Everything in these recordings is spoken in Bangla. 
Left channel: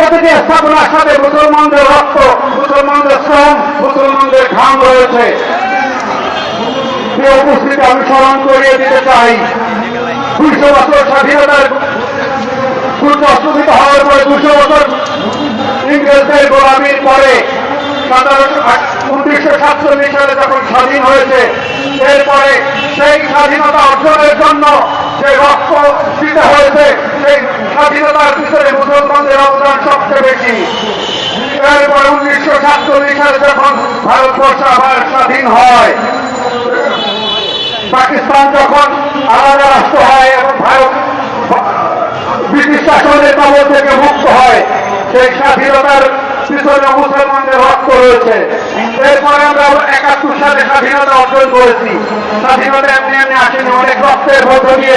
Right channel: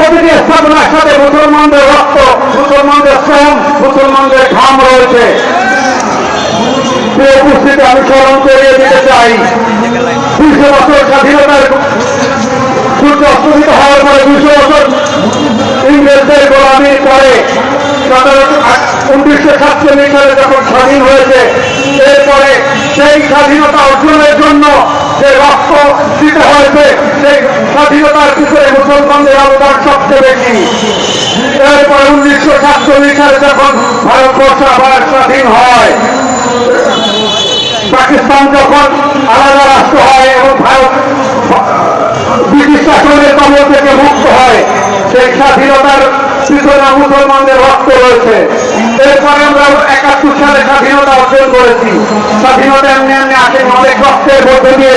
প্রতিটি স্থাপনার সাথে মুসলমানদের রক্ত, মুসলমানদের শ্রম, মুসলমানদের ঘাম রয়েছে। উপস্থিতি, আমি স্মরণ করিয়ে দিতে চাই। দুইশো বছর স্বাধীনতার সূর্য অস্তমিত হওয়ার পরে দুশো বছর ইংরেজদের গোলামির পরে উনিশশো সাতচল্লিশ সালে যখন স্বাধীন হয়েছে, এরপরে সেই স্বাধীনতা অর্জনের জন্য যে রক্ত দিতে হয়েছে স্বাধীনতার পিছনে মুসলমানদের অবদান সবচেয়ে বেশি। এরপরে উনিশশো সাতচল্লিশ সালে যখন ভারতবর্ষ আবার স্বাধীন হয়, পাকিস্তান যখন আলাদা রাষ্ট্র হয় এবং ভারত ব্রিটিশ শাসনের কবল থেকে মুক্ত হয়, সেই স্বাধীনতার পিছনে মুসলমানদের রক্ত রয়েছে। এরপরে আমরা একাত্তর সালে স্বাধীনতা অর্জন করেছি। স্বাধীনতা এমনি এমনি আসেনি, অনেক রক্তের মধ্য দিয়ে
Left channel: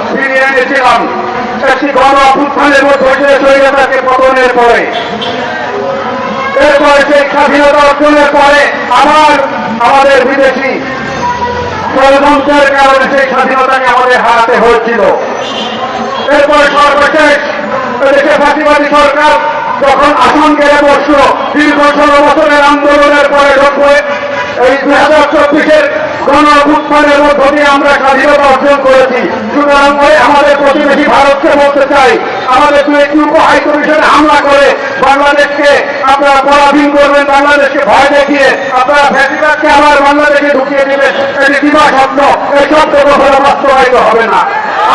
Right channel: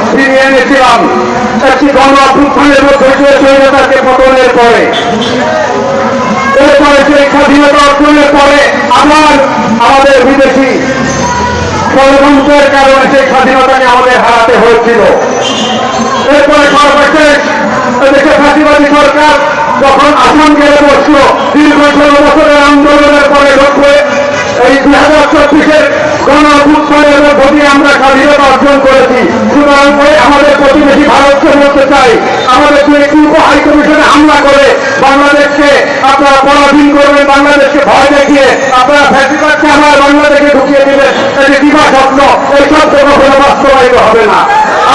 এনেছিলাম একটি গণ অভ্যুত্থানের মধ্যে দিয়ে স্বৈরতাকে পতনের পরে, এরপরে সেই স্বাধীনতা অর্জনের পরে আবার আমাদের বিদেশি ষড়যন্ত্রের কারণে সেই স্বাধীনতাকে আমাদের হারাতে হয়েছিল। এরপরে সর্বশেষ এদেশে ফাঁসিবাদী সরকার যখন আসন গেলে বসল, দীর্ঘ ষোলো বছরের আন্দোলনের পরে লক্ষ্য এই দুই হাজার চব্বিশের গণ অভ্যুত্থানের মধ্য দিয়ে আমরা স্বাধীনতা অর্জন করেছি। ওই আমাদের প্রতিবেশী ভারতকে বলতে চাই, আমাদের উপ হাই কমিশনে হামলা করে বাংলাদেশকে আপনারা পরাধীন করবেন, বাংলাদেশকে ভয় দেখিয়ে আপনারা ফ্যাসিবাদকে আমার বাংলাদেশে ঢুকিয়ে দেবেন, এটি দিবা স্বপ্ন, ওই শব্দ কখনো বাস্তবায়িত হবে না।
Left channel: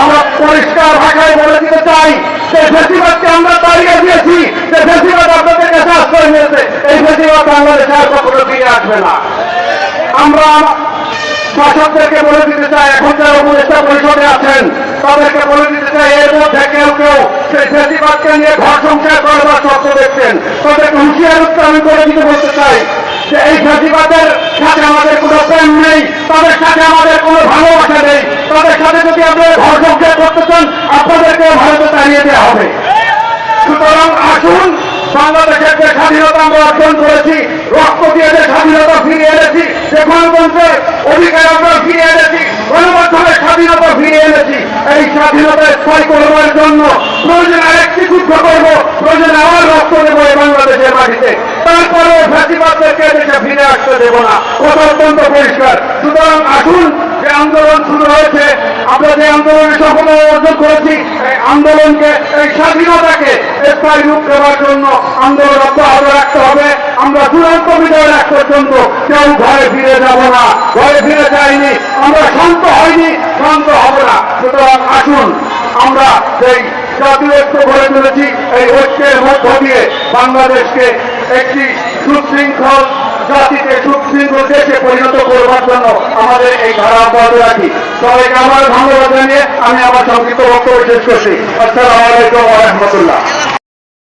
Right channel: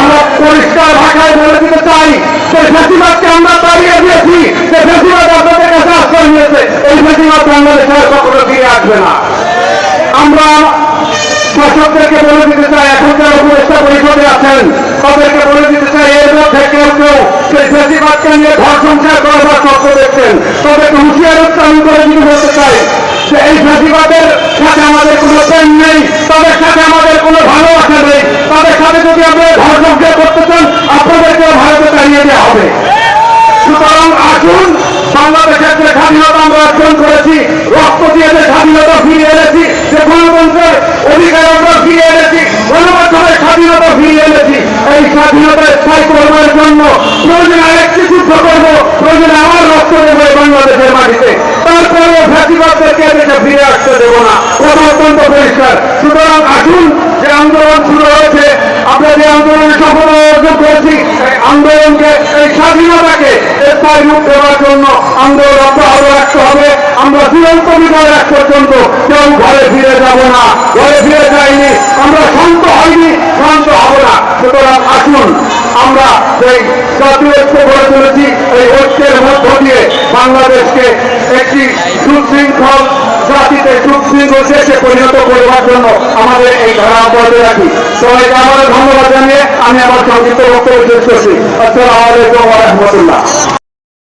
আমরা পরিষ্কার ভাষায় বলে দিতে চাই, যে ফ্যাসিবাদকে আমরা তাড়িয়ে দিয়েছি, যে ফ্যাসিবাদ আপনাদের কাছে আশ্রয় নিয়েছে, এই ফ্যাসিবাদ বাংলাদেশে আর কখনো ফিরে আসবে না। আমরা শাসকদেরকে বলে দিতে চাই এখন যারা উপদেষ্টা পরিষদে আছেন, তাদেরকে বলে দিতে চাই এর মধ্যে কেউ কেউ সেই ফেসিবাদকে নিয়ে ঘর সংসার করবার স্বপ্ন দেখছেন। তাদেরকে হুঁশিয়ার আমি করে দিতে বলতে চাই যে এই ফেসিবাদের সাথে আমাদের কোনো প্রেম নেই, তাদের সাথে আমাদের কোনো ভালোবাসা নেই। তাদের সাথে যদি আপনারা ঘর সংসার করতে চান, আপনাদেরকেও ভারতে দাঁড়িয়ে দেওয়া হবে। সুতরাং আসুন, বাংলাদেশের যে স্বাধীনতা আমরা অর্জন করেছি, রক্ত দিয়ে যে স্বাধীনতা ফিরিয়ে এনেছি যে গণতন্ত্রের অধিকার আমরা ফিরিয়ে এনেছি গণমাধ্যমের স্বাধীনতা ফিরিয়ে এনেছি। এই স্বাধীনতা স্থায়ী করবার জন্য প্রয়োজন আরেকটি যুদ্ধ করব, প্রয়োজন আবার রক্ত দেবো এই বাংলাদেশের মাটিতে। তারপরে ফ্যাসিবাদদেরকে এদেশে ফিরে আসতে দেবো না। কথা অত্যন্ত পরিষ্কার। সুতরাং আসুন, যে আন্দোলন শুরু হয়েছে, আমরা যে আন্দোলনে সফল অর্জন করেছি আন্দোলনকে, এই স্বাধীনতাকে স্থায়ী রূপ দেওয়ার জন্য আন্দোলন অব্যাহত রাখতে হবে। চূড়ান্ত বিজয় রাখ পর্যন্ত কেউ ঘরে ফিরে যাব না। ঘরে ফিরে যাইনি আমরা শান্ত হয়নি শান্ত হব না। সুতরাং আসুন, আমরা সেই জাতীয় ঐক্য গড়ে তুলেছি। এই ঐক্যের মধ্য দিয়ে বাংলাদেশকে একটি সুশৃঙ্খল জাতিতে, সুশৃঙ্খল দেশে পরিণত করবার জন্য আমাদের এই ধারা অব্যাহত রাখি। সবাইকে আমার ধন্যবাদ জানিয়ে আমি আমার সংক্ষিপ্ত বক্তব্য শেষ করছি। আসসালামু আলাইকুম রহমতুল্লাহ।